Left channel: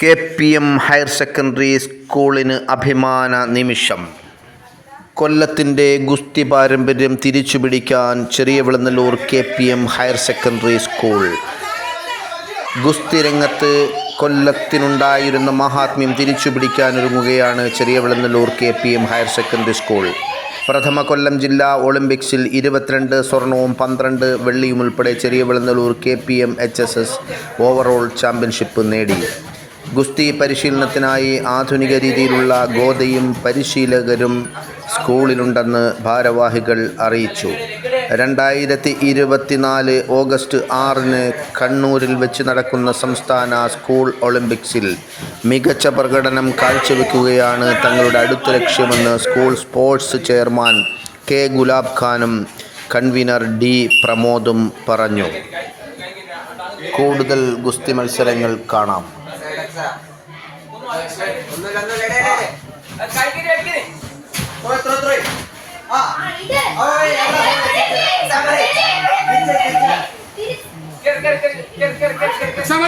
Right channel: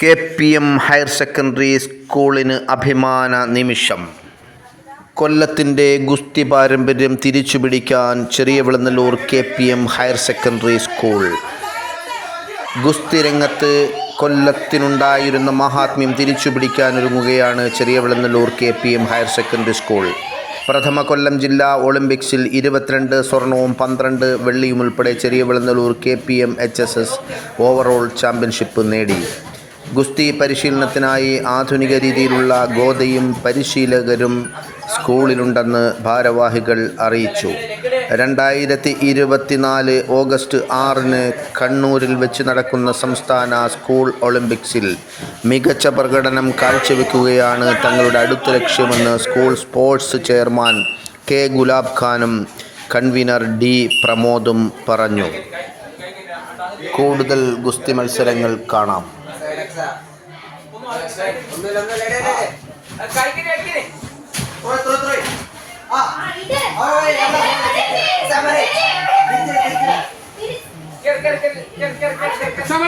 KPM higher secondary സ്കൂളിന് അഭിമാന നിമിഷം. കൊല്ലത്തിൻ്റെ ഗുസ്തി പാരമ്പര്യം തിരിച്ചുപിടിക്കാൻ ചെറിയവിളനല്ലൂർ KPM ഹയർ സെക്കൻഡറി സ്കൂൾ. ഗുസ്തി രംഗത്ത് കൊല്ലത്തിനുണ്ടായിരുന്ന മഹാത്മ്യം തിരിച്ചുപിടിക്കാനൊരുങ്ങുകയാണ് ചെറിയവിളനല്ലൂർ KPM ഹയർ സെക്കൻഡറി സ്കൂൾ. പ്രഥമ കൊല്ലം ജില്ലാ ഒളിമ്പിക്സിൽ 22 സ്വർണവും 12 വെള്ളിയും ഉൾപ്പെടെ ചെറിയവിളനല്ലൂർ KPM HSS ഓവറോൾ ചാമ്പ്യൻഷിപ്പ് നേടി. ഗുസ്തി പരിശീലനത്തിനായി ആധുനിക രീതിയിലുള്ള ഗോദയും പരിശീലകരും സ്കൂളിലുണ്ടെന്ന് ഭാരവാഹികൾ അറിയിച്ചു. 2024 ഓഗസ്റ്റ് 6 കണ്ണൂരിൽ വെച്ച് നടക്കുന്ന സംസ്ഥാന സ്കൂൾ ഒളിമ്പിക്സിൽ മികച്ച പ്രകടനം കാഴ്ചവെക്കുകയാണ് തങ്ങളുടെ അടുത്ത ലക്ഷ്യമെന്ന് school sports chairman K. Gulab ഖാനും കൺവീനർ D. പ്രമോദും പറഞ്ഞു. കൂടുതൽ ഗുസ്തി മത്സരങ്ങൾ കാണാം. Sama